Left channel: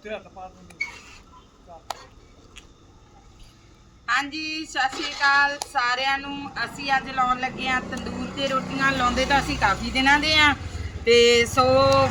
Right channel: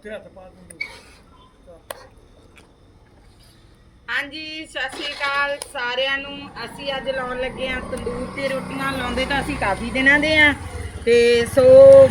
ਉੱਥੇ ਹੱਥ ਪਾ ਦਿੰਦੇ ਹਾਂਜੀ, ਸਤਿ ਸ਼੍ਰੀ ਅਕਾਲ ਸਾਰਿਆਂ ਨੂੰ। ਅਸੀਂ ਅੱਜ ਲਾਉਣ ਲੱਗੇ ਆ ਤੰਦੂਰ ਤੇ ਰੋਟੀਆਂ। ਲਾਉਂਦੇ ਤਾਂ ਅਸੀਂ ਕਾਫੀ ਦਿਨਾਂ ਦੇ ਆ ਤੇ ਸੋ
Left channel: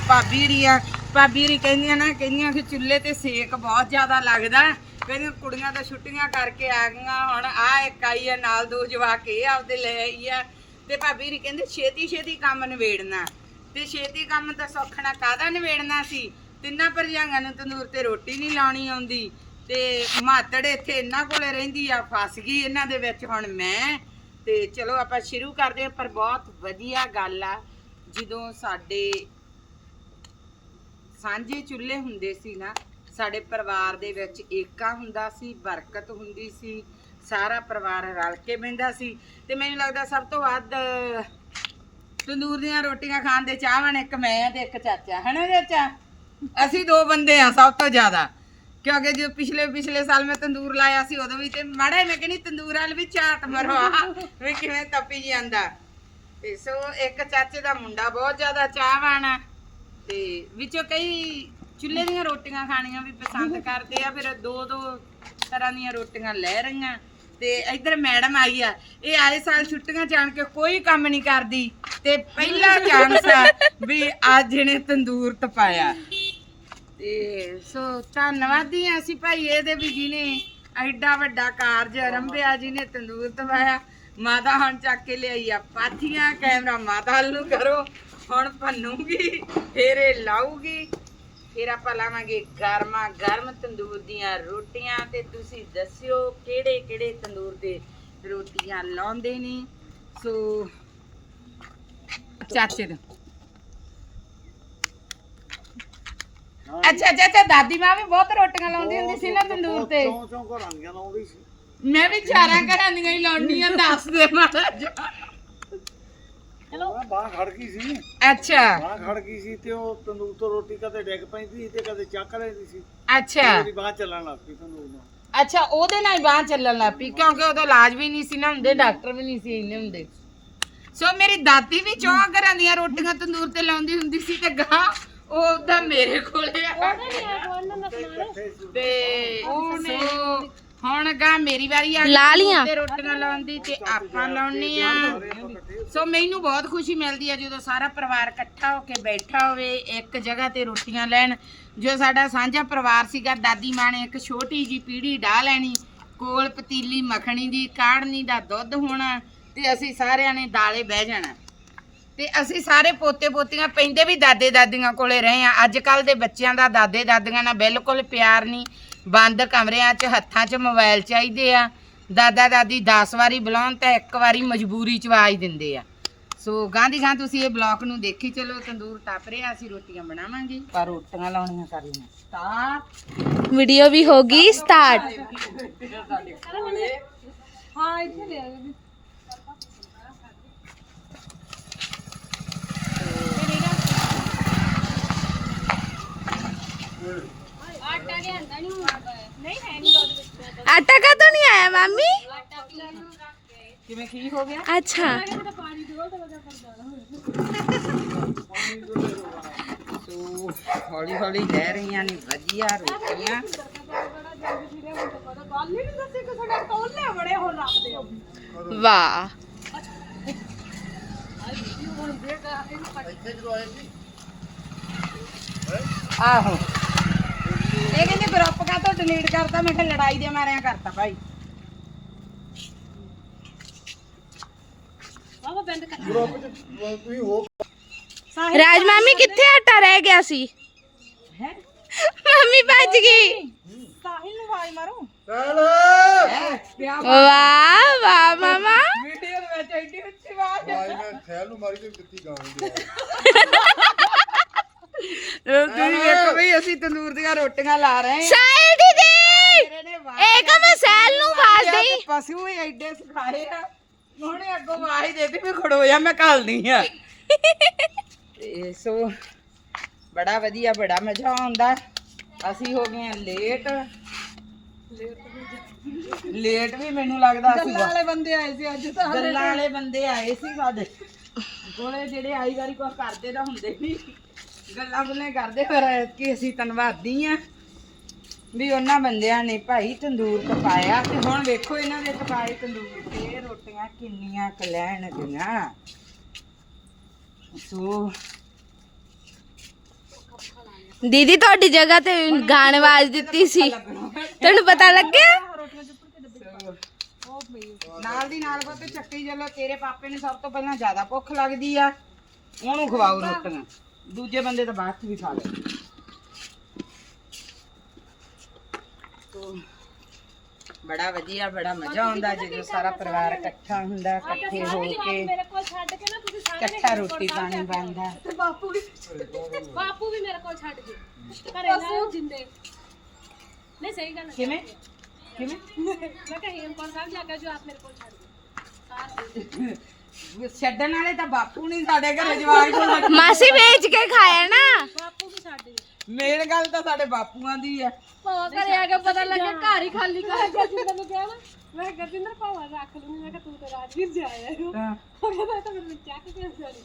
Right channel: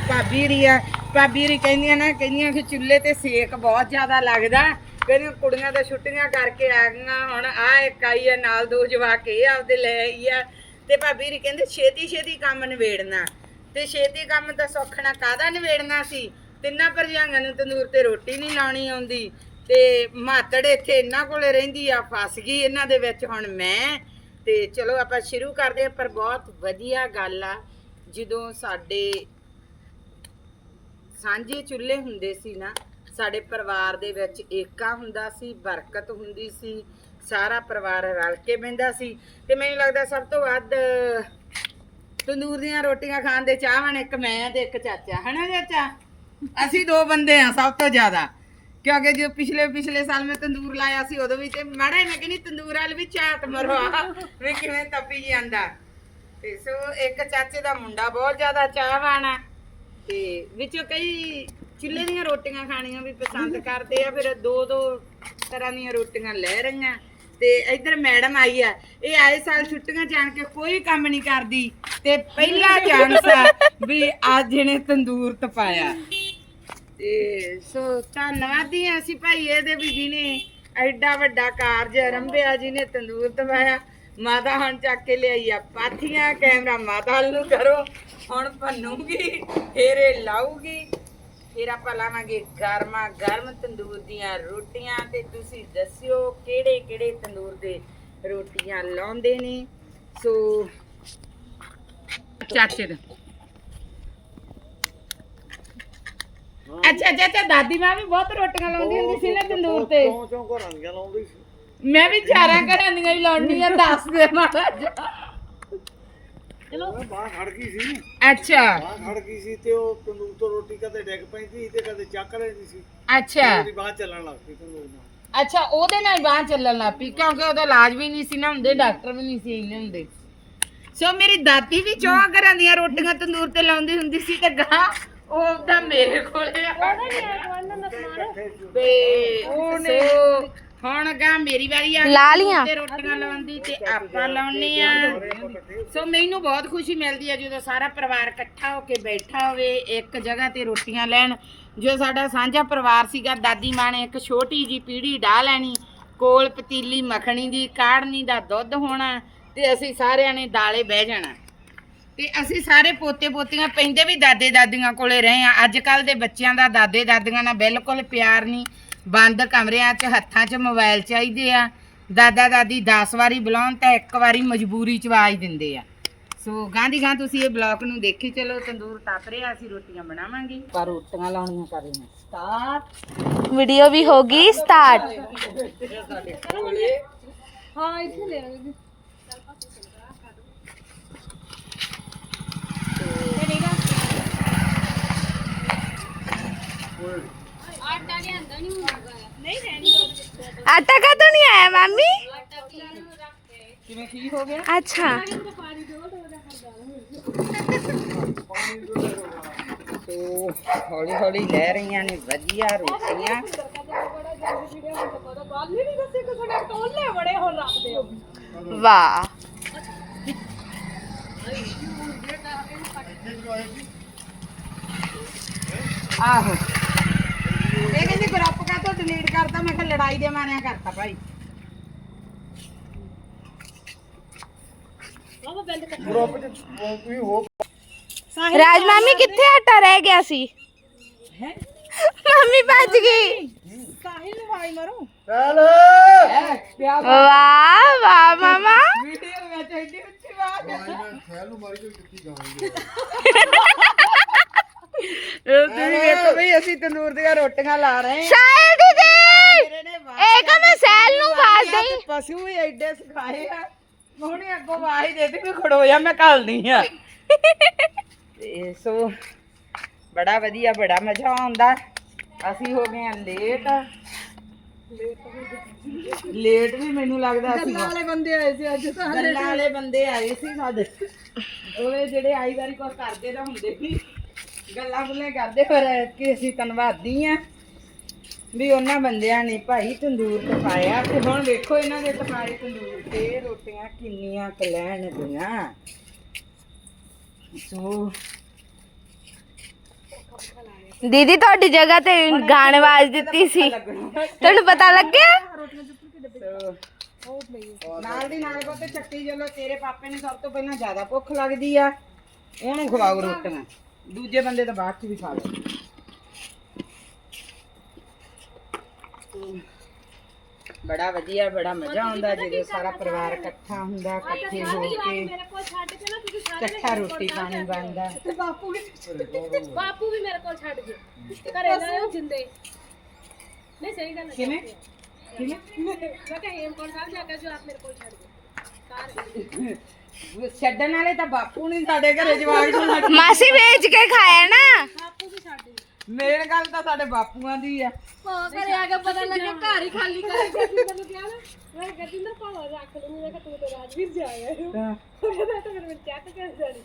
ਭਾਬੀ ਰੀਆ ਭਾਬੀ ਰੀ ਕਹਿੰਦੀਆਂ ਨਾ, ਕਹਿੰਦੀਆਂ ਕਿ ਚੁੱਲ੍ਹੇ ਤੇ ਸੇਕ ਬਹੁਤ ਜ਼ਿਆਦਾ ਲੱਗਦਾ। ਕਹਿੰਦੀਆਂ ਕੁੜੀਆਂ ਤਾਂ ਛੁੱਟੀਆਂ ਕਰਕੇ ਆ ਗਈਆਂ ਹੁਣ। ਆ ਇੱਕ ਆਈ ਆ, ਨਾਲ ਦੋ ਜਵਾਕ, ਇਹ ਆਪਦੇ ਲੈ ਆਈ ਆ। ਤੇ ਭਾਬੀ ਰੀ ਕਹਿੰਦੇ ਛੇਤੀ ਛੇਤੀ ਕੰਮ ਨਿਬੇੜਨਾ। ਤੇ ਛੇਤੀ ਕੰਮ ਤਾਂ ਸੌਖਣਾ ਕਾਹਦਾ ਨਿਬੇੜਨਾ ਸੀ? ਤਿੰਨਾਂ ਭਰਜਾਈਆਂ ਨੂੰ ਤੰਦੂਰ ਤੇ ਰੋਟੀ ਨਹੀਂ ਲਾਉਣੀ ਆਉਂਦੀ ਤੇ ਮਾਤੜ ਇੱਥੇ ਇਹਨਾਂ ਕੋਲ ਰਹਿੰਦੀ ਆ, ਫਸ ਗਈ ਇਹਨਾਂ ਦੇ ਵਿੱਚ ਹੁਣ ਮੈਂ। ਤੇ ਚਲੋ ਆਪਾਂ ਸ਼ੁਰੂ ਕਰਦੇ ਹਾਂ, ਪਰ ਬਹੁਤ ਵਧੀਆ ਗੱਲ ਆ, ਜਦੋਂ ਸਾਡੇ ਸਾਂਝੇ ਚੁੱਲ੍ਹੇ ਹੁੰਦੇ ਸੀ ਨਾ, ਸਾਡੇ ਪਰਿਵਾਰ ਦੇ ਵਿੱਚ ਏਕਾ ਹੁੰਦਾ ਸੀ, ਬਰਕਤ ਹੁੰਦੀ ਸੀ, ਸਾਰਾ ਪਰਿਵਾਰ ਰਲ ਕੇ ਬਹਿੰਦਾ ਸੀ। ਤੇ ਮੈਨੂੰ ਲੱਗਦਾ ਸਭ ਤੋਂ ਵੱਧ ਤੰਦੂਰ ਦੀਆਂ ਰੋਟੀਆਂ ਖਾਣ ਦੇ ਚਾਹਵਾਨ ਇੱਕ ਮੈਂ ਤੇ ਇੱਕ ਚਾਚਾ, ਹਨਾ ਚਾਚਾ? ਅਸੀਂ ਦੋ ਬੰਦੇ ਆ, ਸਭ ਤੋਂ ਜ਼ਿਆਦਾ। ਕਿਉਂਕਿ ਜੋ ਪਿਛਲੇ ਪਿਛਲੇ ਸਾਲ ਮੈਂ ਤੰਦੂਰ ਲਾਇਆ ਸੀ, ਉਦੋਂ ਵੀ ਮਾੜਾ ਮੈਂ ਕਹਿੰਦੀ ਤੰਦੂਰ ਵਾਲ ਵੀ ਝਾਤ ਮਰਵਾ ਵੀ ਕਿਵੇਂ ਤਪੀ ਜਾਂਦਾ। ਤੇ ਸੋ ਇੱਕ ਚਾਚੇ ਦਾ ਮੁੰਡਾ ਬਹੁਤ ਜ਼ਿਆਦਾ ਚਾਹਵਾਨ ਆ। ਤੇ ਵਿੱਚੋਂ ਕਈ ਚੁੱਲ੍ਹੇ ਦੀਆਂ ਰੋਟੀਆਂ ਖਾਣੀਆਂ ਵੀ ਪਸੰਦ ਕਰਦੇ ਆ, ਫਿਰ ਦੋ ਦੋ ਤਰ੍ਹਾਂ ਦੀਆਂ ਰੋਟੀਆਂ ਲੈ ਰਹੀਆਂ। ਤੇ ਇੱਧਰ ਮੈਡਮ ਆਈ ਆ, ਇਹ ਆਏ ਸਾਲ ਛੁੱਟੀਆਂ ਜਾਣ ਕੇ ਕੋਈ ਕੰਮ ਨਹੀਂ ਕਰਦੀ। ਤੇ ਪਹਿਲਾ ਚਾਂਸ ਆ ਵੀ ਅੱਜ ਇਹਨੇ ਤੰਦੂਰ ਤਪਾਇਆ। ਤੇ ਸੋ ਧੰਨਵਾਦੀ ਹਾਂ ਅਸੀਂ ਭਾਈ ਇਹਦੇ ਵੀ ਜਿਹਨੇ ਐਡਾ ਵੱਡਾ ਕਾਰਜ ਆਰੰਭਿਆ ਜਿਹਨੇ ਤੰਦੂਰ ਤਪਾਇਆ ਮਾਤਾ ਹੁਣ ਚੱਕ ਕੇ ਲਿਆਈ ਆ ਪਾਥੀਆਂ, ਕੈਮਰਾ ਮਾਤਾ ਵੱਲ ਨੂੰ ਕਰੋ, ਹੁਣ ਭੰਨੂਗੀ, ਫੇਰ ਲਾਊਗੀ, ਫਿਰ ਆਪਾਂ ਲਾਵਾਂਗੇ ਗਰਮਾ ਗਰਮ ਤੰਦੂਰ ਦੀਆਂ ਰੋਟੀਆਂ ਤੇ ਤੁਸੀਂ ਦੱਸਿਓ ਕਿਹੜੇ ਕਿਹੜੇ ਤੰਦੂਰ ਦੇ ਰੋਟੀਆਂ ਲਾਉਂਦੇ ਨੇ। ਸੋ ਚਾਚੇ ਦਾ। ਅੱਛਾ ਅੱਛਾ ਅੱਛਾ ਦਾਦੀ ਮਾਂ ਵੀ ਬਹੁਤ ਰੋਟੀਆਂ ਲਾਉਂਦੀ ਹੁੰਦੀ ਸੀ ਨਾ ਤੰਦੂਰ ਤੇ। ਚੋਂ ਚੋਂ ਘਰਾਂ ਦੀਆਂ ਲਾਉਂਦੀ ਸੀ। ਮੈਂ ਵੀ ਚਾਰਾਂ ਘਰਾਂ ਦੀਆਂ ਹੀ ਲਾਉਣੀਆਂ ਦੱਸ ਦੇ ਮਾੜਾ ਜਿਹਾ। ਉਹ ਬਾਹ ਖੜ ਗਈ ਸੀ। ਅੱਛਾ। ਬਾਹ ਖੜ ਗਈ ਸੀ ਤੇ ਉਹ ਤੰਦੂਰ ਤੋਂ ਰੋਟੀ ਕਦੇ ਡਿੱਗ ਪੈਂਦੀ ਸੀ ਤੇ ਕਦੇ ਚੱਕ ਲੈਂਦੀ ਸੀ। ਅੱਛਾ। ਉਹਦੀ ਬਾਹ ਚੱਲਣ ਲੱਗ ਪਈ ਤੰਦੂਰ ਨਾਲ। ਅੱਛਾ ਉਹਦੇ ਨਾਲ ਹੀ ਬਾਂਹ ਚੱਲਣ ਲੱਗ ਪਈ ਕਿਉਂਕਿ ਉਹਦਾ ਇਲਾਜ ਵੀ ਨਹੀਂ ਸੀ ਨਾ ਹੁੰਦੇ ਡਾਕਟਰ ਵੀ ਨਹੀਂ ਸੀ ਇੰਨੇ ਹੁੰਦੇ। ਸੋ ਮੇਰੀ ਦਾਦੀ ਵੀ ਚੌਂ ਘਰਾਂ ਦੀਆਂ ਰੋਟੀਆਂ ਤੰਦੂਰ ਤੇ ਲਾਉਂਦੀ ਹੁੰਦੀ ਸੀ ਤੇ ਗਾਂ ਉਹ ਤਾਂ ਮੇਰੇ ਕੋਲੇ ਆ। ਇਕੱਠੇ ਸੀ ਤੇ ਉਹਨੇ ਹੁਣ ਗਾ ਮੇਰੀ ਵਾਰੀ ਆ ਲਾ ਲੀਆਂ? ਤੇ ਰੋਟੀਆਂ ਲਾਉਂਦੀ ਤੇ ਆਪਾਂ ਲਾਉਣੇ ਆ। ਸੋ ਮੈਨੂੰ ਬਹੁਤ ਖੁਸ਼ੀ ਮਿਲਦੀ ਹੈ ਜਦੋਂ ਸਾਰਾ ਪਰਿਵਾਰ ਇਕੱਠਾ ਹੋ ਕੇ ਬੈਠਾ ਹੋਵੇ ਇੱਕ ਜਗ੍ਹਾ ਤੇ ਰੋਟੀਆਂ ਲੈਣ। ਜੋ ਸਾਡਾ ਸਾਂਝਾ ਪਰਿਵਾਰ ਸੀਗਾ ਦਾਦੀ ਮਾਂ ਨੇ ਇੱਕ ਛੋਟੀ ਜੀ ਪੀੜੀ ਢਾ ਲੈਣੀ ਕੋਲ ਪਤੀਲੀ ਮੱਖਣੀ ਦੀ ਕਾੜਨੀ ਦਾ ਦੁੱਧ ਹੋਣਾ ਤੇ ਅਸੀਂ ਸਾਰਿਆਂ ਨੇ ਦਾਲੇ ਬਹਿ ਜਾਣਾ। ਤੇ ਅਸੀਂ ਸਾਰੇ ਪੋਤੇ ਪੋਤੀਆਂ ਪੈਂਦੇ ਵੀ ਦਾਦੇ ਦਾਦੀਆਂ ਕੋਲੇ ਰਹੇ ਆ ਅੱਜ ਕੱਲ ਦੇ ਬੱਚਿਆਂ ਦਾ ਦਾਦੇ ਦਾਦੀਆਂ ਨਾਲ ਬਿਲਕੁਲ ਪਿਆਰ ਨਹੀਂ। ਬੰਦ ਕਮਰਿਆਂ 'ਚ ਹੱਥਾਂ 'ਚ ਮੋਬਾਈਲ ਚਾਹੀਦੇ ਆ। ਦਾਦਾ ਦਾਦੀ 10 ਵਾਰੀ ਬੁਲਾਉਣ ਤਾਂ ਇੱਕ ਵਾਰੀ ਮਜਬੂਰੀ 'ਚ ਆਵਾਜ਼ ਦਿੰਦੇ ਆ। ਸੋ ਗਾਂਧੀ ਖਾਂ ਤੁਸੀਂ ਇਹ ਬਲੌਕ ਨੂੰ ਦੇਖੀ ਚਲੋ ਤੰਦੂਰ ਤਪ ਰਿਹਾ ਅਸੀਂ ਰੋਟੀਆਂ ਬਣਾਵਾਂਗੇ। ਪਰ ਰੋਟੀਆਂ ਲਾਉਣੀਆਂ ਕਰੇ ਨੇ ਸਟਾਰਟ ਵੀਡੀਓ ਵੀ ਹੋ ਗਈ ਸਟਾਰਟ ਆਟਾ ਕਾ ਤਾਂ ਨਹੀਂ ਆਇਆ ਮਾਮੀ ਕਿਵੇਂ ਕੀ ਹੋ ਗਿਆ ਅੱਛਾ ਸੋ ਹੌਲੀ ਹੌਲੀ ਲੈ ਰਹੀਆਂ ਨੇ ਵਧੀਆ ਰੋਟੀਆਂ ਵਾਹ ਆਹੋ ਇਹ ਕਹਿੰਦੇ ਗਰੁੱਪ ਕਾ ਤੋਂ ਡਿਲੀਟ ਕਰਤਾ ਮੈਂ ਕਿਹਾ ਲੜਾਈ ਦੇ ਮਾਰਿਆਂ ਕਰਤਾ ਭਾਈ। ਗਰੁੱਪ ਚ ਤੁਸੀਂ ਹੋ ਰਾਜ ਮਾਮੀ ਕਿੱਥੇ ਆਟਾ ਰਹਿ ਗਿਆ ਸੀ? ਮਾਮੀ ਭੱਜ ਗਈ। ਸਾਹਿਲ ਨੂੰ ਆਵਾਜ਼ ਮਾਰੋ। ਚੱਲ। ਵਾਹ ਵਾਹ ਮਾਮਾ। ਵੀਡੀਓ ਵਿੱਚ ਐਡੀ ਉੱਚੀ ਆਵਾਜ਼ ਮੈਂ ਖੈਲ ਨੂੰ ਮਾਰੀ ਤੇ ਕਿੱਥੇ ਗਾਉਂਦੇ ਤੁਸੀਂ ਵੇਖੋ ਬਈ ਅਸੀਂ ਤੰਦੂਰ ਦੀਆਂ ਰੋਟੀਆਂ ਲਾ ਰਹੇ ਹਾਂ। ਸ਼ਾਇਦ ਦੀਦੀ ਇਹ ਤਾਂ ਮੈਂ ਸੈਲ ਨੂੰ ਆਵਾਜ਼ ਦੇਈ ਪਸ਼ੂ ਹੀ ਐਡੇ ਸਿਖਾਏ ਆ। ਉਹਨੇ ਅੱਗੋਂ ਆਵਾਜ਼ ਹੀ ਦੇਤੀ ਵੀ ਖੜੋ ਜਾ ਮੈਂ ਘੱਲਦੀ ਆ ਤੇ ਸੋ ਬੜਾ ਵਧੀਆ ਬੜਾ ਮਜ਼ਾ ਆਉਂਦਾ। ਅਸੀਂ ਹੋ ਗਏ ਆ ਲੇਟ। ਲੇਟ ਵੀ ਮੈਨੂੰ ਲੱਗਦਾ ਸੀ ਗੱਲਾਂ ਵਾਲੇ ਬੰਦੇ ਆਏ ਸੀ ਅੱਜ ਤਾਂ। ਗੱਲਾਂ ਵਾਲੇ ਬੰਦੇ ਆਏ ਸੀ ਸਾਡੇ। ਉਹ ਜਿਹੜੇ ਆਈ ਵਾਰੀ ਕੁਝ ਕਰਦੇ ਤਾਂ ਹੁੰਦੇ ਨਹੀਂ ਗੱਲਾਂ ਗੁੱਲਾਂ ਕਰਦੇ ਪਰ ਕਿ ਅਸੀਂ ਧੰਨਵਾਦੀ ਆ ਵੀ ਉਹਨਾਂ ਬੰਦਿਆਂ ਨੇ ਭਾਈ ਤੰਦੂਰ ਪਕਾਇਆ। ਤੇ ਹੁਣ ਵੇਖੋ ਇਹਨਾਂ ਦੇ ਪਕਾਏ ਤੰਦੂਰ ਤੇ ਰੋਟੀਆਂ ਕਿੰਨੀਆਂ ਕੁ ਲੈਣਗੀਆਂ ਸੋ ਦੀਦੀ ਤੁਹਾਡੀ ਜਗ੍ਹਾ ਤੇ ਗਾਣ ਆਵਾਜ਼ ਦਿੱਤੀ ਸੀ। ਤੁਹਾਨੂੰ ਪਤਾ ਲੱਗਿਆ? ਨਾਲ ਦੀ ਨਾਲ ਪੁੱਤ ਚੱਕੀ ਚਲੋ ਤੇਰੇ ਪਾਪੇ ਨੂੰ ਸਭ ਤੋਂ ਪਹਿਲਾਂ ਜ਼ਿਆਦਾ ਭੁੱਖ ਲੱਗਦੀ ਆ। ਉਹਨੂੰ ਖਵਾਓ ਰੋਟੀਆਂ। ਦੂਜੇ ਬੰਦੇ ਤਾਂ ਬਾਅਦ ਚ ਵੀ ਖਾ ਲਓ ਤੋ ਬੜਾ ਵਧੀਆ ਬੜਾ ਮਜ਼ਾ ਆਉਂਦਾ ਜਦੋਂ ਸਾਰਾ ਪਰਿਵਾਰ ਇਕੱਠਾ ਹੁੰਦਾ ਇਕੱਠੇ ਹੋ ਕੇ ਇਕੱਠਾ ਰੋਟੀ ਪਾਣੀ ਬਣਦਾ ਬਾਪੂ ਵੀ ਬਾਪੂ ਵੀ ਮੇਰੇ ਕੋਲ ਛੱਡ ਗਏ ਘਰੇ ਨਾ ਜਿੰਦੇ ਨਹੀਂ ਸਹੀ ਗੱਲ ਹੈ ਕਿਵੇਂ ਕਿਵੇਂ ਮੈਂ ਕਿਹਾ ਹੇਮਕੋਟ ਸਾਹਿਬ ਜਾ ਕੇ ਜੋ ਆਪ ਮੇਰੇ ਕੋਲ ਛੱਡ ਗਏ ਸਾਰੇ ਛੱਡਣ ਵਾਲੇ ਤਾਂ ਬਾਪੂ ਨਹੀਂ ਸਾਡੇ ਘਰੇ ਜਵਾਕ ਨੂੰ ਮਾਸੀ ਵੇਚ ਕੇ ਖਾਇਆ ਨਾ। ਮੇਨ ਗੱਲ ਤਾਂ ਸਾਡੇ ਬਾਪੂਆਂ ਦੀ ਆ। ਉਹ ਘਰੇ ਆ ਕੇ ਪਤਾ ਲੱਗਾ ਘਰ ਹੀ ਖਾਲੀ ਕਰ ਗਿਆ। ਜਿੰਦਰ ਨੂੰ ਕਿਹਾ ਨਾ ਮੈਂ ਕਿਹਾ ਜਿੰਦਰ ਭਾਵਾ ਰੱਖ ਲੂੰਗੀ। ਮੈਂ ਕਿਹਾ ਤੂੰ ਤੇ ਰਾਜਵੀਰ ਜਾ ਆਇਆ ਹਾਂ। ਉਹ ਕਹਿੰਦਾ ਤਾਂ ਮੇਰੇ ਚੈੱਕ ਕੇ ਜਾਣੀ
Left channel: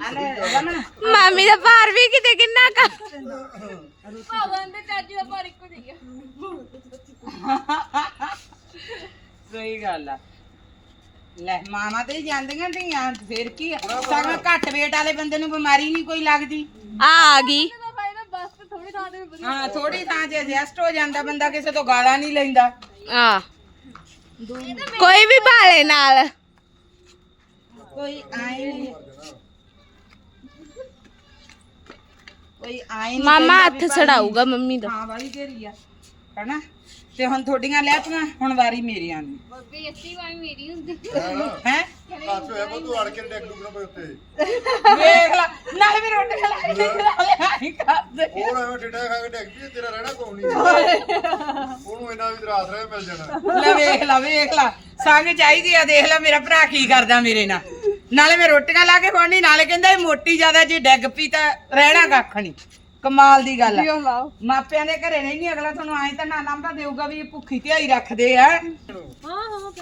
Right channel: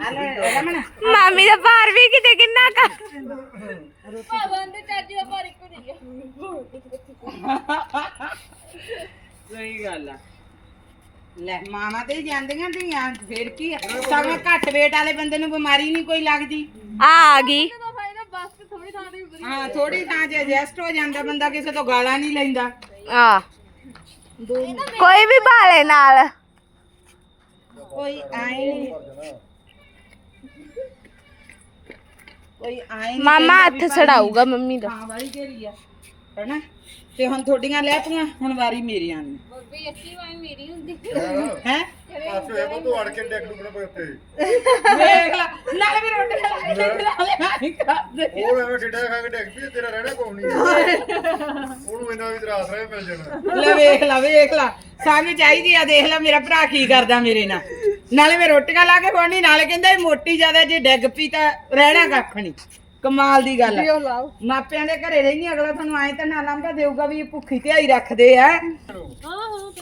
ਆਲੇ ਰਮਣ ਮਾਮੀ ਦਾ ਭਾਰ ਵੀ ਕਿਤੇ ਕਿੰਨਾ ਕਾ ਭਾਵਾ ਦੇ ਚਾਚੀ ਦਾ ਭਾਰ ਇੱਕੋ ਜਿਹਾ ਸਹੀ ਗੱਲ ਆ। ਲੈ ਮਾਮਾ ਤੇ ਜਾਂਦੀਆਂ ਧੀਆਂ ਫਿਰ ਕੀ ਸਗੋਂ ਘੱਟ ਵੇਟ ਵਾਲੇ ਬੰਦੇ ਨੂੰ ਬਿਮਾਰੀ ਨਹੀਂ ਕੋਈ ਲੱਗਦੀ। ਆ ਆ ਗਈ। ਥੋੜੀ ਥਾਂ ਤੇ ਵੀ ਹਾਂ ਥੋੜੀ ਥਾਂ 'ਚ ਐਡਜਸਟ ਹੋ ਜਾਂਦਾ ਬੰਦਾ ਕਿਸੇ ਤੋਂ ਗਾਲਾਂ ਨਹੀਂ ਲੈਂਦਾ। ਆ। ਕੋਈ ਵੀ ਭਾਲੇ ਨਾਲ। ਕੋਈ ਆਏ ਨਹੀਂ। ਕੋਈ ਆਏ ਨੀ ਮਾਮਾ ਹੱਥ ਛੜਾਊਗਾ ਮੰਮੀ ਦਾ। ਹਾਂ ਵਾਲੀ ਤੇਰੀ ਆ। ਹੈਨਾ? ਤੇ ਹੁਣ ਤੁਹਾਡੀਆਂ ਲੈ ਪਈਆਂ ਹੁਣ ਵਾਰੀ ਬੱਬੀ ਵਾਈ ਮੇਰੀ ਹੁੰਦੀ। ਹੈ? ਆਸੋ ਇਹ ਤੂੰ ਅੜ ਕੇ ਡੈਕ ਡੁੱਕਣਾ ਪਏ ਉੱਤੇ। ਵੇਖ ਲੈ ਨਾਲ ਵੀ ਰੋਟੀ ਖਾ ਲੈ ਨਹੀਂ ਕਰਦੇ ਹੋਰ ਐਵੇਂ ਡਿੱਡਾ ਖਾ ਕੇ ਡੈਕ ਪਈ ਤੇਰਾ ਰਹਿਣਾ ਕੋਈ ਨਹੀਂ ਉਹਨੂੰ ਇੰਨਾ ਵੀ ਤਰਾਸ ਰਿਹਾ ਮਿਲ ਜਾਣਾ। ਲੈ ਵੇਖ ਲਾ ਵੇਖ ਲਾ। ਸੰਗ ਚਾਹੀਦੀ ਆ ਦੇਖ ਲੈ ਮੇਰਾ ਭਰਾ ਕੀ ਕਰਦਾ ਮੇਰੇ ਨਾਲ। ਨਾਲੇ ਮੈਂ ਰੋਟੀਆਂ ਲਾ ਕੇ ਖਵਾਉਣੀ ਨਾਲੇ ਕਹਿੰਦਾ ਇਹ ਮੋਟੀ ਜ਼ਿਆਦਾ ਜੇ ਡੈਗ ਪਈ ਤਾਂ ਰਹਿਣਾ ਕੱਖ ਨਹੀਂ ਕਮਾਲ ਦੀ ਗੱਲ ਆ। ਮਾਪਿਆਂ ਦੇ ਘਰੇ ਰਹਿਣੀ ਅਗਲਾ ਤੁਹਾਨੂੰ ਐਂ ਤਾਂ ਨਾ ਲਾਂਭਾ ਦੇਊਗਾ ਵੀ ਭੁੱਖੀ ਧਿਆਈ ਰੱਖਦੇ ਆ। ਹਾਂ ਹਾਂ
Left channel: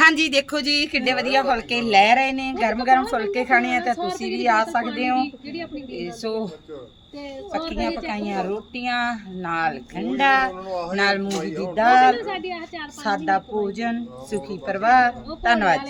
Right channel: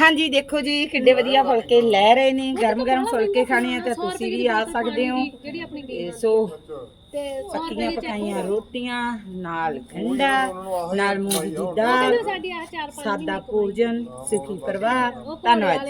ਹਾਂਜੀ ਦੇਖੋ ਜੀ ਕਿੱਡੇ ਵਧੀਆ ਫੁਲਕੇ ਲੈ ਰਹੇ ਨੇ। ਗਰਮ ਗਰਮ ਫੁਲਕੇ ਖਾਣੇ ਆ ਤਾਂ ਤੁਸੀਂ ਵੀ ਆ ਸਕਦੇ ਹੋ। ਜਿਹੜੀ ਆਪਣੀ ਤੇ ਸੋ ਤੇ ਪੱਕੀਆਂ ਪਕਾਈਆਂ ਰੋਟੀਆਂ ਨਾਲ ਠੰਡਾ ਨਾਲ ਮੂੰਗੀ ਦੀ ਦਾਲ ਸਾਡੀ ਆ ਚਾਰ ਸਾਦਾ ਭੋਜਨ ਸੁਖੀ ਪਰਿਵਾਰ। ਧੰਨਵਾਦ